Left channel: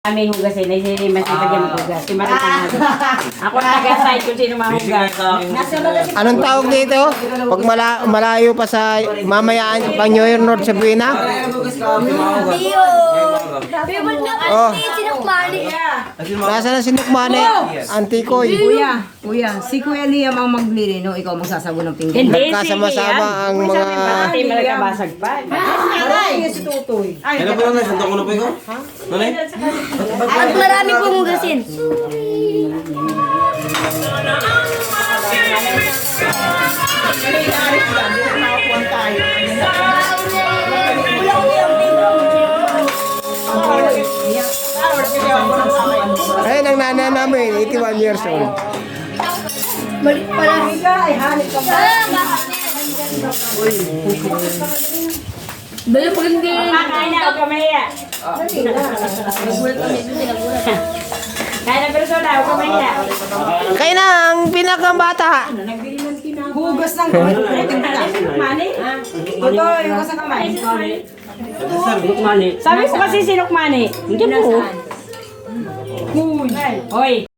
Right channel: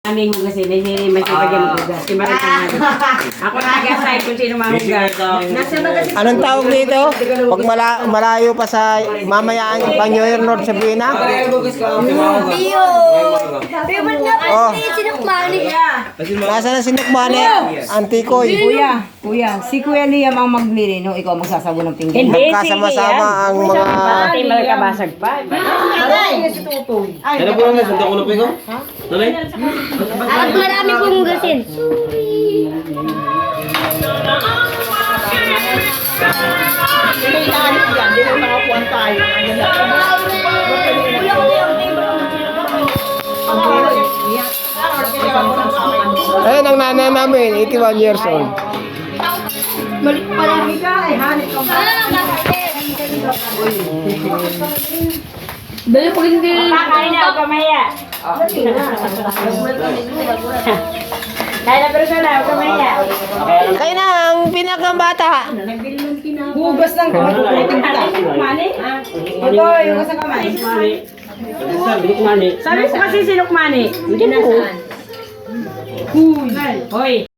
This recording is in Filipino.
Aming hugasin, ay sino masipag yung hugas. Si Marita Ako taga-site kung sino mahugas. Anong tawag dito? Pag malayo pa sa mamayaan ka New Year North sa Buena? Tiyo! Favorite nga Oh. pala si Sinukmani. Nasaan ang sinukmani? Antikoy. Kuya, si Kuya Liam ang maglilino, ikaw magsasabo ng pinggan. Hindi, Magkasama-sama ang mga... Ate, malakabasag pa. Kailan ko lang yung ulo ko ikaw? Nalay? At marami pong hugasin. Ayun ang nanay namin, 81 years old. Balo pag hindi. Kakain na ako kamaya. Kaya na persona ako kamaya. Kayo na ang pinakabata. Hugas ng Sinukmani? Ito, hugas ng kamay. Sabi ko kasi sinukmani. Hindi na po. Hoy.